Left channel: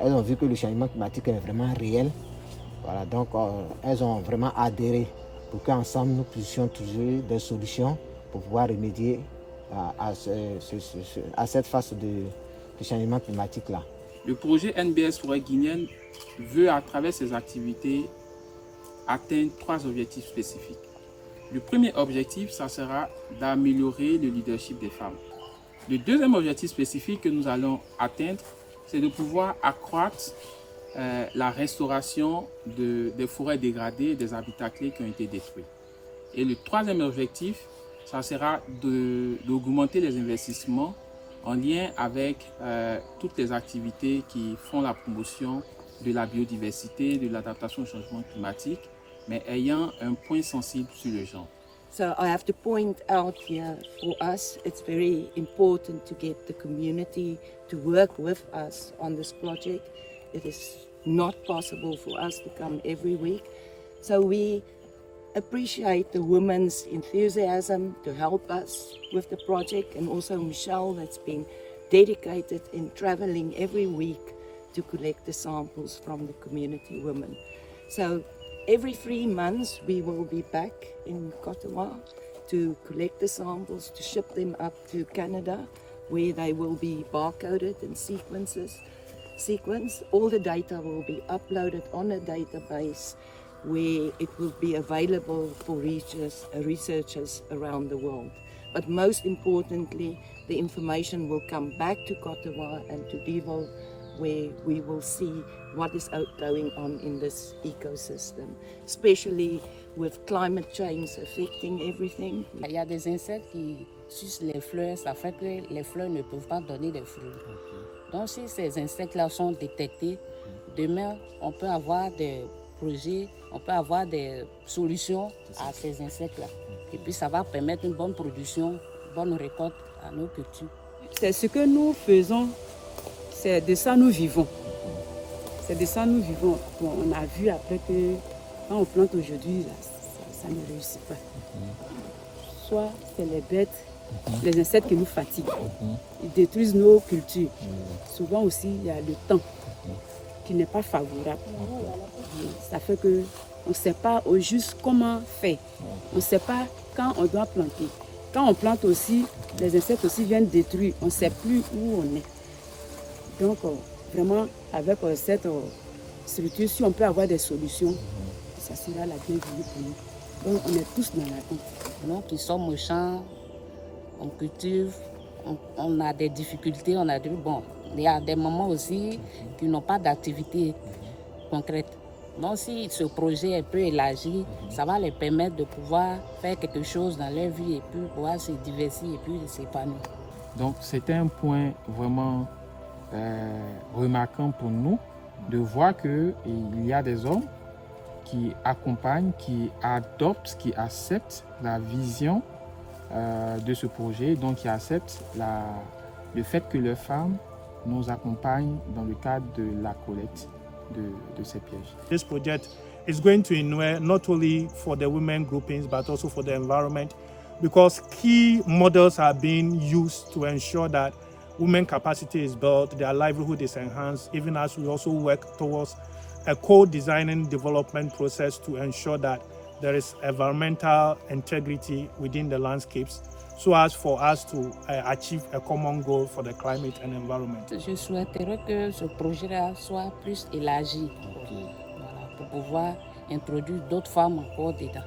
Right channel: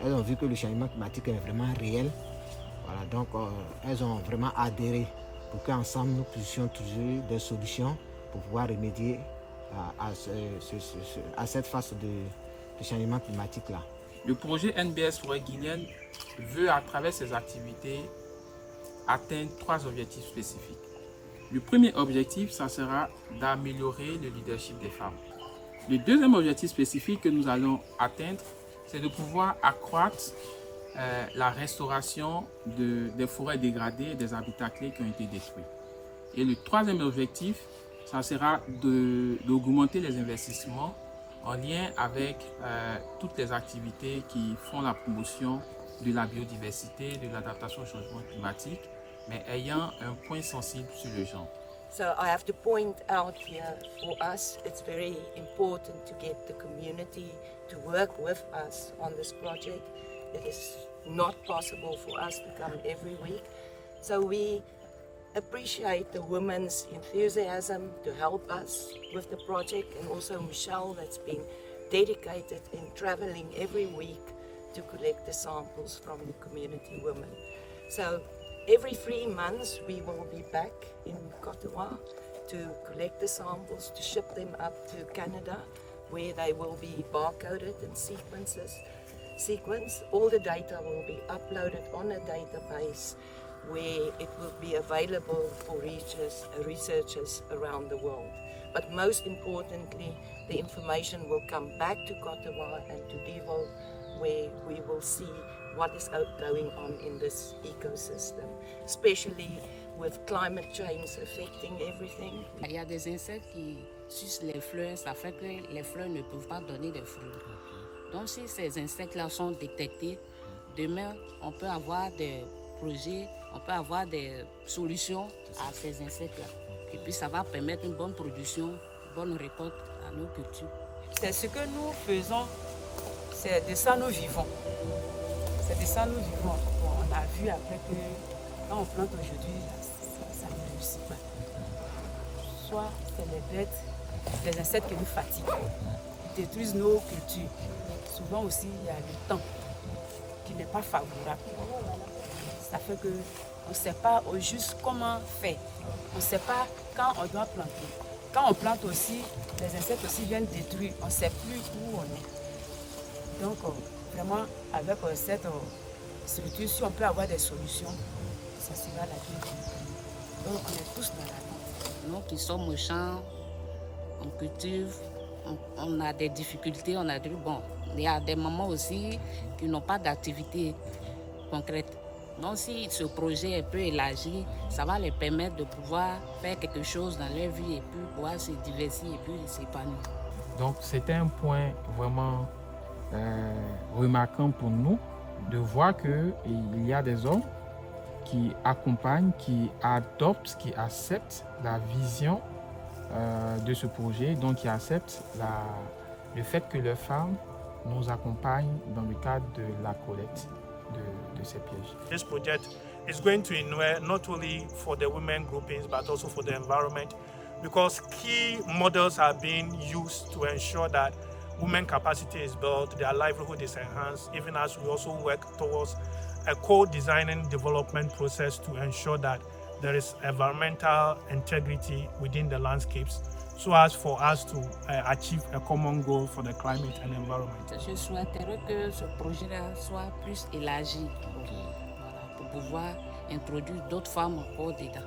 elles ont vu que le changement climatique est vraiment réel. Voilà, donc elles ont vraiment adhéré pour qu'ensemble nous puissions trouver des solutions pour pouvoir remédier à cette phase de changement climatique-là. Le projet NBS Forêt guinéenne veut, à travers ses activités, atteindre 3 objectifs spécifiques. Le premier objectif, ça sera d'améliorer le leadership des femmes. Le deuxième objectif spécifique que nous allons atteindre, c'est de pouvoir accroître la restauration des forêts dégradées et des habitats clés qui ont été détruits. Et le troisième objectif, ça sera d'augmenter les investissements en lien avec toutes les activités qui font la promotion de la biodiversité, de l'adaptation au changement climatique, mais ayant un point sensible sur le genre. So I have to point out here, for us, it's very important to get the community to work with us on this project. It is not possible for us to come every week. So we appreciate the women's enthusiasm to help us with the project, and also Michelle, that's been dedicated in traveling every week to collect the samples from the community women. So every 3 months we will be back in Cotawa to collect the samples, to ship them up to Canada, where they will be barcoded and sequenced. All the data will be uploaded on a database where it will be available for researchers around the world. But most importantly, the information will come back to Cotawa and to Devo, where we will see what is going on in this ecosystem, especially with climate change affecting everything. Il y a des insectes qui sucent les fleurs, ça fait que les fleurs ne peuvent pas donner de fruits. Donc si ces insectes-là sont détectés, demain on peut avoir des projets, on peut avoir des solutions à ces insectes-là. Et puis ça va permettre une bonne production, une bonne récolte à nos cultures. C'est ce que nous faisons, c'est de ça nous vivons. C'est de ça nous vivons. Bon, on a vu après que quand on plante aujourd'hui, ça ne réussit pas. Soit c'est les bêtes, les insectes qui nous fatiguent. Ils détruisent nos cultures. Souvent aussi, il y a le temps qui n'est pas favorable. Et ça fait qu'on ne sait pas au juste comment faire. On ne sait pas quand on doit planter. Quand on plante aussi, les insectes aussi viennent détruire. On ne sait plus où on est. Donc, vraiment, avec cette structure, si on peut avoir des solutions, ça sera la bienvenue pour nous. Donc, on est tous dans l'attente. Nous qui sommes au champ, on cultive, on a des difficultés, on a dit, bon, il y a des mamans aussi qui n'ont pas d'activité concrète. Donc, si ce projet est peu élargi, ça va les permettre de pouvoir faire quelque chose dans leur vie et puis pouvoir se diversifier et puis s'épanouir. Donc, c'était un point vraiment remarquant pour nous de voir qu'il y a des hommes qui accompagnent, qui adoptent, qui acceptent la vision de ce projet, donc qui acceptent le fait que les femmes nous accompagnent dans le cadre de la collecte de ces pièges. This project is going to inure not only for the women groupings but also for the environment, because key models are being used to ensure that women capacity is built, their livelihood is enhanced, even as we also work towards a co-designing development process to ensure that there is environmental integrity within the landscapes, so as for us to achieve a common goal for the climate and environment. Je souhaiterais que ce projet-là soit plus élargi, voilà, pour pouvoir introduire d'autres femmes encore dedans.